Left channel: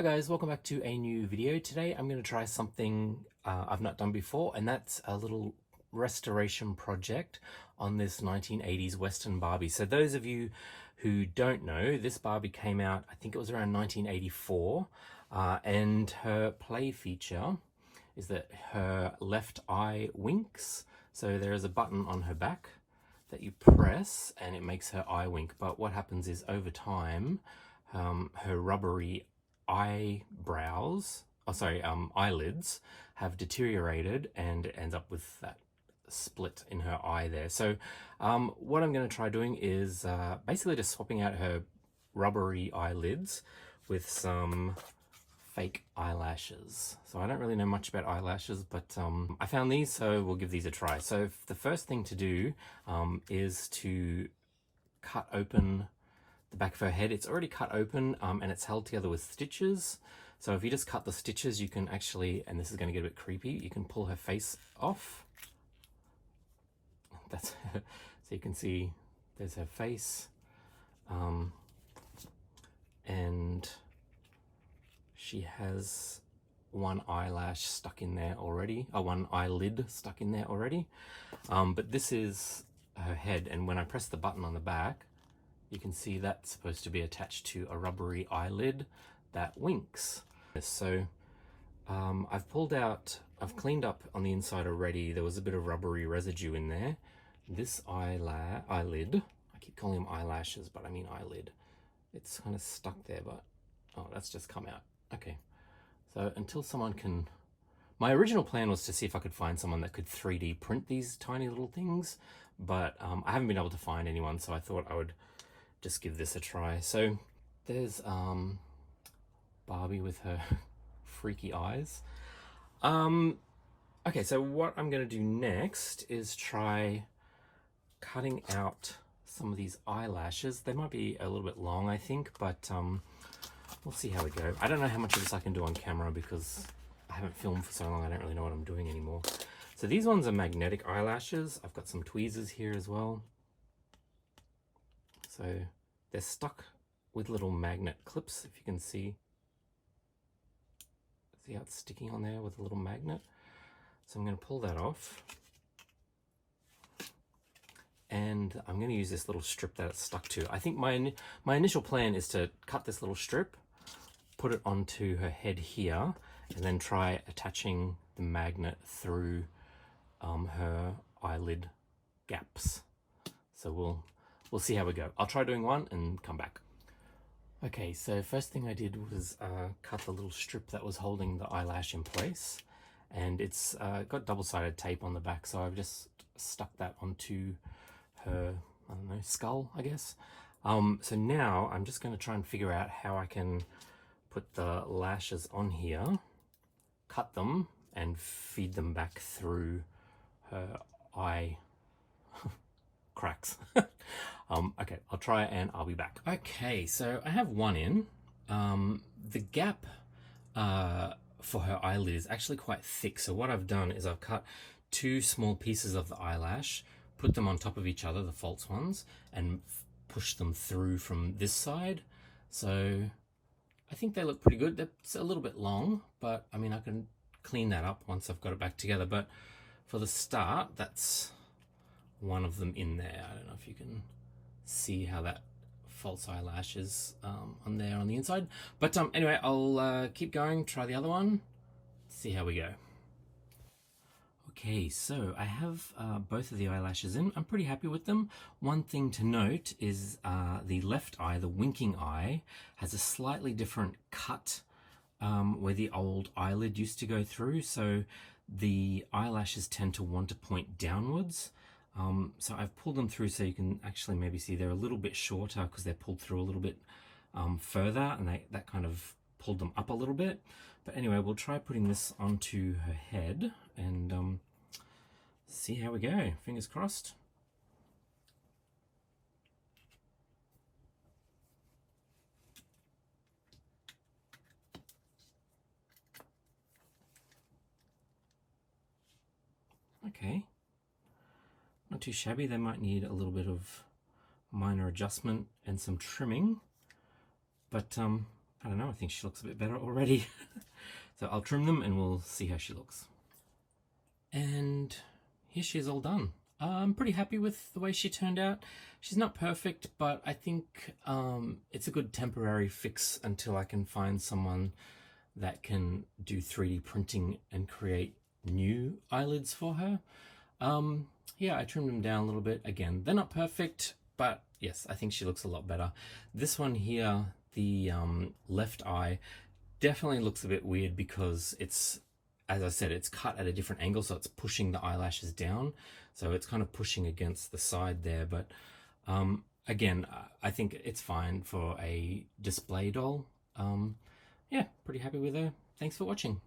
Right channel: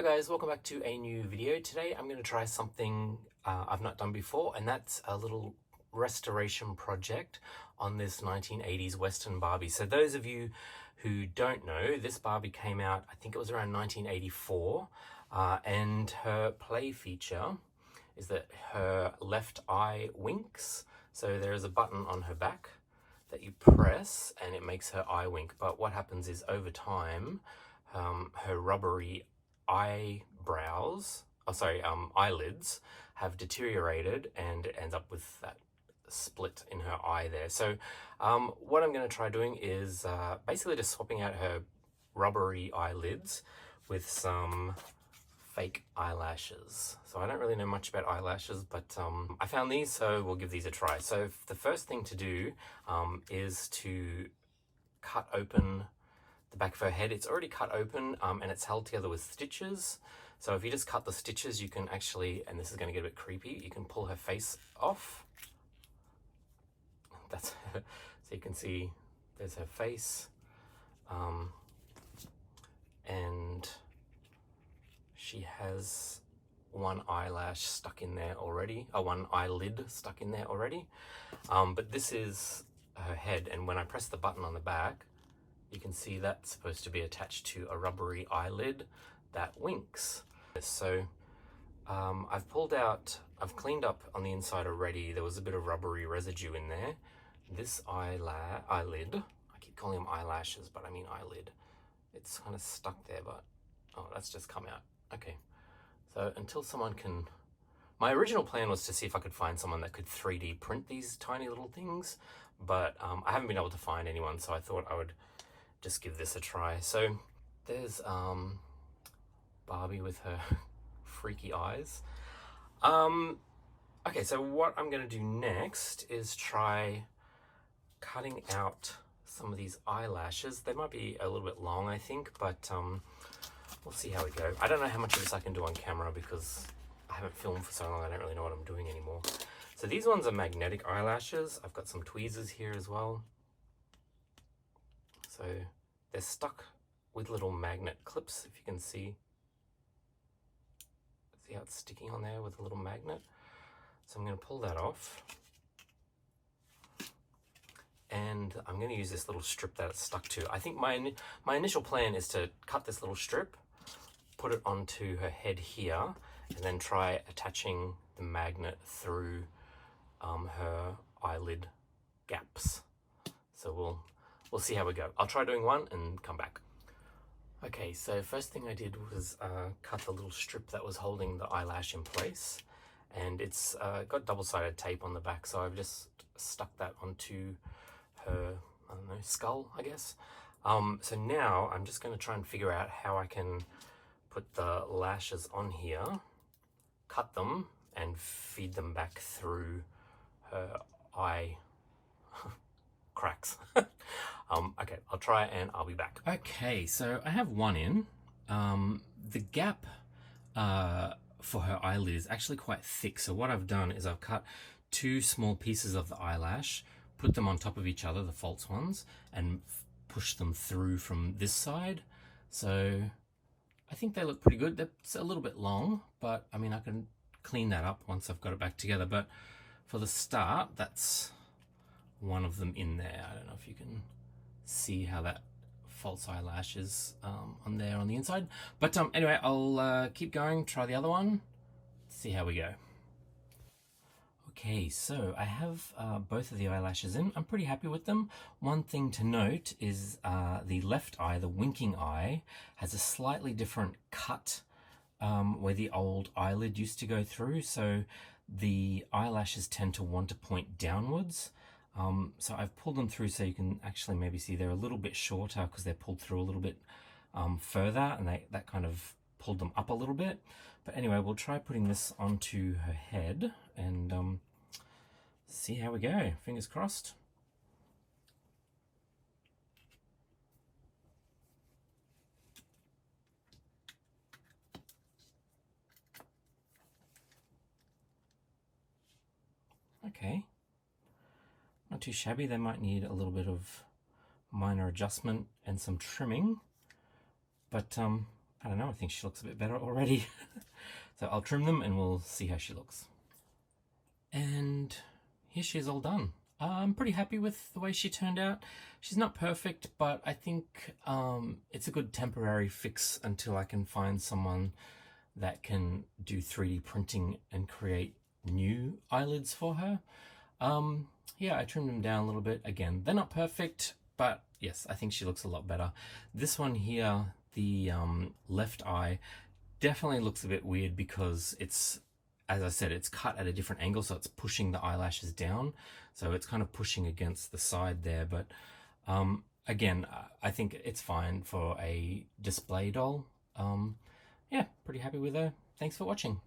Hi guys, welcome back to a new video. Today I'm going to try something I've not done before, and that's a little restoration project on this 1980s Western Barbie. So those of you who don't know, this Barbie came out, I think it was around 1984, and her play feature is that her left eye winks. So there is a button on her back that you press and it makes her eye wink, but what happens is over time her rubbery eyelids have deteriorated and it ends up with that split in her eye there. So what I'm going to try doing is basically just swapping out her rubbery eyelids with some fake eyelashes. So I don't really know much about eyelashes, but I found these, so we'll give these a try. So the first thing to do is to cut open the back of her head. It's already cut open and it's held together with stitches. So if you just cut the stitches, you can actually, and this is going to get a bit creepy, you can pull her face off. That's so you can see there's her face, and she has one eyelash stuck in there already, one eyelid stuck in there already. But this is her head, and when I press the button on the back, you can see that's supposed to be attached to a rubbery eyelid that winks. So I've cleaned up on the inside already. There was a bit of rubbery residue in there. This eyelid, I keep calling them eyelashes, but I mean eyelid. It's kind of stuck there, but oh, that's just come out. Okay, so until someone can, my original plan was to see if I could find someone that could 3D print these tiny little things, but I haven't been able to find anyone, so I thought I would just give this a try. So there's Barbie with her freaky eyes. Okay, so what I'm going to do next is try cutting out some of these eyelashes. They might be a little bit long, I think, but we'll see how we go. I don't know how much of this I can do on camera because I haven't filmed for so long. I don't really know what I'm doing anymore. So these ones are magnetic eyelashes. I've got some tweezers here as well. So they're stuck with little magnet clips, if you can see. See how it's sticking on there with a little magnet? So I'm going to pull that off. And I'm going to use this little strip that it's stuck to. I think my initial plan is to cut this little strip, put it onto her head here, and then try attaching the magnet through her eyelid gaps. So we'll see how we go. I'll try doing one and come back. Okay, so first thing I did was cut the little strip that was holding the eyelash in place, and it's got double-sided tape on the back, so I've just stuck that onto her, I don't know, skull, I guess. So now I'm just going to try and figure out how I can put the lashes on here, cut them, and feed them back through her eye cracks. Okay, I'll try and I'll be back. Okay, so I have one in. The gap for her eyelid is actually quite thick, so what I've done is I've cut two small pieces of the eyelash, put them on top of each other, the false ones, and push them through from this side. So I think they look pretty good. That's a little bit long, but I mean, I can clean that up once I've got it back together. But for the start, that's one of them in there. I don't know if you can see how that false eyelash is on there on the inside. But anyway, I'll keep going, try the other one, see how we go. Okay, so I have both of the eyelashes in. I'm pretty happy with them. One thing to note is the left eye, the winking eye, has a slightly different cut where the old eyelid used to go through. So the eyelashes tend to want to point downwards. So I've pulled them through so you can actually maybe see they're a little bit shorter because they're pulled through a little bit further, and that kind of pulled them up a little bit. But anyway, we'll try putting this onto her head and see how we go. Fingers crossed. Okay. Not too shabby. They might need a little bit of minor adjustment and some trimming, but I don't know, I think she looks a bit better already. So I'll trim them and we'll see how she looks. And here she is all done. I'm pretty happy with the way she turned out. She's not perfect, but I think it's a good temporary fix until I can find someone that can do 3D printing and create new eyelids for her. Yeah, I trimmed them down a little bit. Again, they're not perfect, but yes, I think she looks a lot better. This one here, the left eye, definitely looks a bit weird because it's, as I said, it's cut at a different angle, so it's pushing the eyelashes down. So it's kind of pushing against the side there. But again, I think it's fine for a display doll. Yeah, pretty happy with her. Thanks for watching.